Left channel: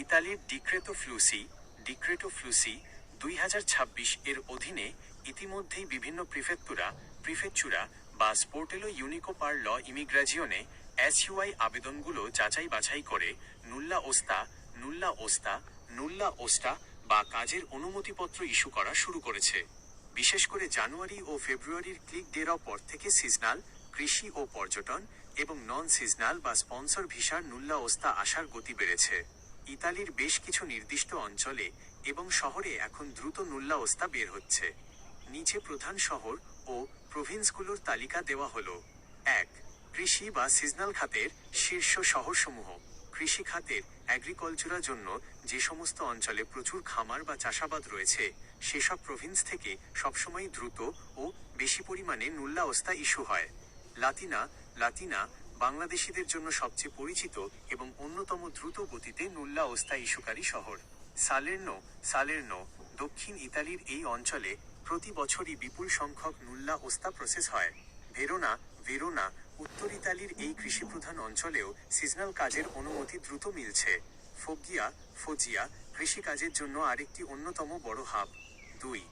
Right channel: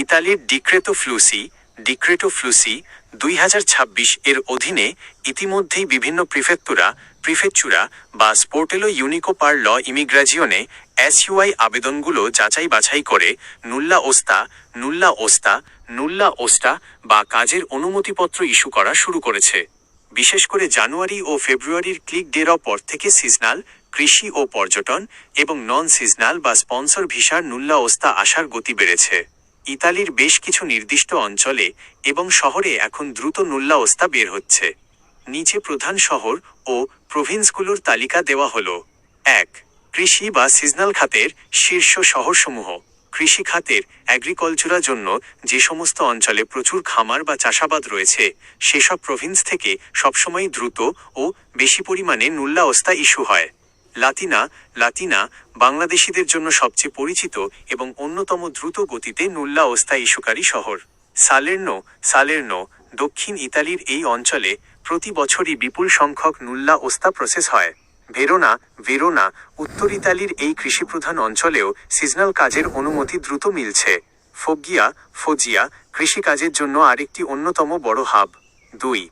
ইতালির ডিক্রেটো ফ্লুসি 2026 এর অধীনে ইতিমধ্যেই বিভিন্ন প্রিফেকচুরা বা স্পোর্টেলো ইউনিকো পার ল ইমিগ্রাজিওনে এসইউআই আবেদনগুলো যাচাই বাছাই করে নুল্লা ওস্তা বা কাজের অনুমতিপত্র ইস্যু করা শুরু করেছে। বিশেষ করে জানুয়ারি ও ফেব্রুয়ারির ক্লিক ডের পর থেকে সিজনাল, কৃষি ও পর্যটন এবং নন সিজনাল বা স্পন্সর ভিসার নুল্লা ওস্তা আসার গতি বেড়েছে। ইতালির বেশ কিছু নির্দিষ্ট অঞ্চলে এবং শহরে এখন দ্রুত নুল্লা ওস্তা বের হচ্ছে। নিচে প্রধান শহর ও প্রভিন্সগুলোর তালিকা দেওয়া হলো। 1. কৃষি বা সিজনাল খাতের শীর্ষ শহরসমূহ। কৃষি খাতের অ্যাগ্রিকালচারের জন্য যে সমস্ত অঞ্চলে প্রচুর খামার বা চাষাবাদ রয়েছে সেসব প্রভিন্স থেকে সবসময় দ্রুত ও বেশি পরিমাণে নুল্লা ওস্তা ইস্যু হয়। লাতিনা বাংলাদেশিদের জন্য সবচেয়ে পরিচিত এবং অন্যতম দ্রুত গতিতে নুল্লা ওস্তা ইস্যুকারী শহর। সালের্নো দক্ষিণ ইতালির এই অঞ্চলে প্রতি বছরই বিপুল সংখ্যক নুল্লা ওস্তা প্রসেস হয়। ভেরোনা উত্তর ইতালির এই কৃষিপ্রধান অঞ্চলেও সিজনাল কাজের অনুমতি দ্রুত মিলছে। ফোজিয়া কৃষিকাজের জন্য আরেকটি অন্যতম বড় হাব। 2.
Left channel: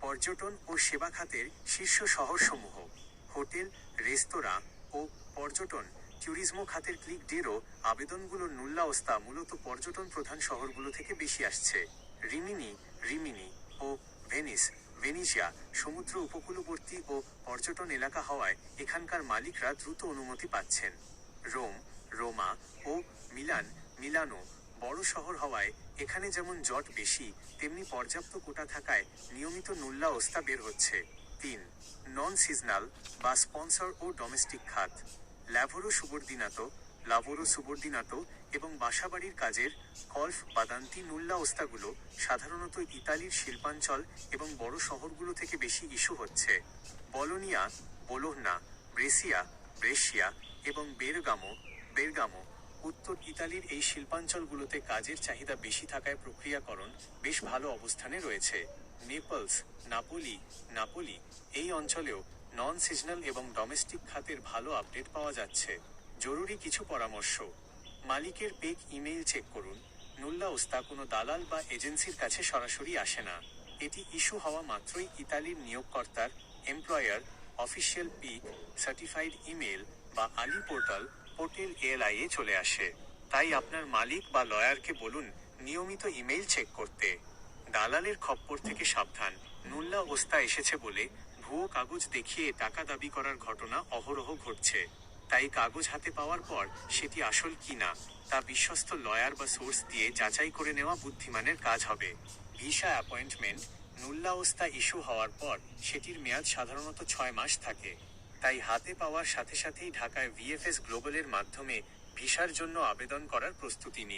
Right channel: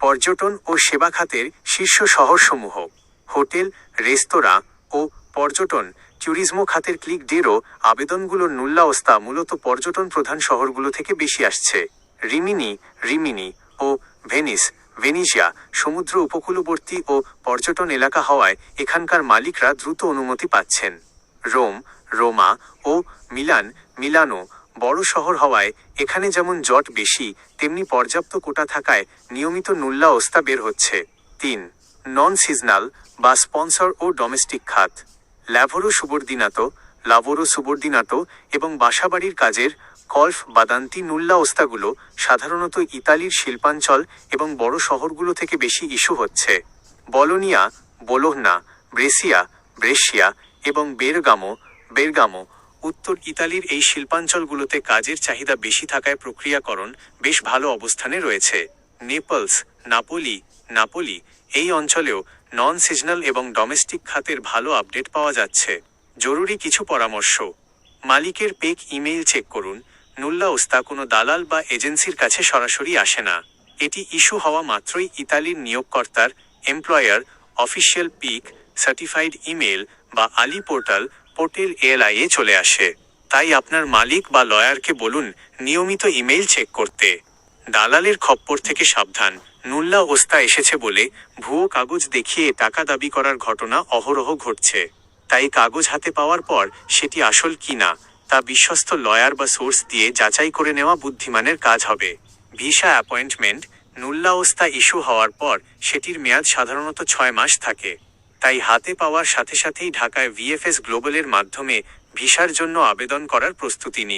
পর্যটন ও সেবা খাতের শীর্ষ শহরসমূহ। হোটেল, রেস্তোরাঁ ও পর্যটন ট্যুরিজমো খাতের ক্লিক ডেরও আবেদনগুলোর নুল্লা ওস্তা মূলত পর্যটন প্রধান শহরগুলো থেকে বেশি আসছে। রিমিনি ও ভেনিজিয়া সমুদ্র উপকূলবর্তী ও পর্যটন এলাকা হওয়ায় এখানকার মালিকরা দ্রুত অনুমতি পাচ্ছেন। রোমা ও মিলানো বড় শহর হওয়ায় এখানে যেমন জট বেশি তেমনি পর্যাপ্ত কোটা থাকায় নিয়মিত নুল্লা ওস্তা বের হচ্ছে। 3. নন সিজনাল বা স্পন্সর ও ডোমেস্টিক খাত। লাভোরো সুবর্দিনাতো এবং বাসাবাড়ির কাজের বাদান্তি নুল্লা ওস্তাগুলো সাধারণত ইতালির শিল্পাঞ্চল এবং বড় শহরগুলো থেকে বেশি ইস্যু হচ্ছে। বোলোহনা, ব্রেসিয়া এবং বেরগামো উত্তর ইতালির এই শিল্পাঞ্চলগুলোতে কাজের চাহিদা বেশি থাকায় প্রক্রিয়াকরণ বেশ ভালো অবস্থানে রয়েছে। নাপোলি এই অঞ্চলেও নন সিজনাল এবং ডোমেস্টিক খাতের ভালো আপডেট পাওয়া যাচ্ছে। জরুরি কিছু পরামর্শ। মালিকের পেক ইমেইল চেক করুন। নুল্লা ওস্তা কোনো দালাল বা এজেন্সির কাছে সরাসরি আসে না। এটি ইস্যু হওয়া মাত্রই ইতালির নিয়োগকর্তার এমপ্লয়ার অফিসিয়াল পিক সার্টিফাইড ইমেল বা আলি পোর্টাল এএলআই এ চলে আসে। তাই আপনার মালিক বা লয়ারকে বলুন নিয়মিত ইমেইল চেক করতে। দালালের খপ্পর থেকে সাবধান। নুল্লা ওস্তা এসেছে বলে ভুয়ো কাগজ দেখিয়ে টাকা দাবি করার ঘটনা অহরহ ঘটছে। তাই কাগজ হাতে পাওয়ার পর সেটি আসল কিনা তা বিশ্বস্ত লয়ার বা সোর্স দিয়ে যাচাই করে নেওয়া বুদ্ধিমানের কাজ হবে। Visa appointment. নুল্লা ওস্তা ইস্যু হওয়ার পর সেটির মেয়াদ সাধারণত 6 মাস থাকে। তাই হাতে পাওয়ার সাথে সাথেই ঢাকায় ভিএফএস গ্লোবালের মাধ্যমে ভিসার জন্য আবেদন করার প্রস্তুতি নিন।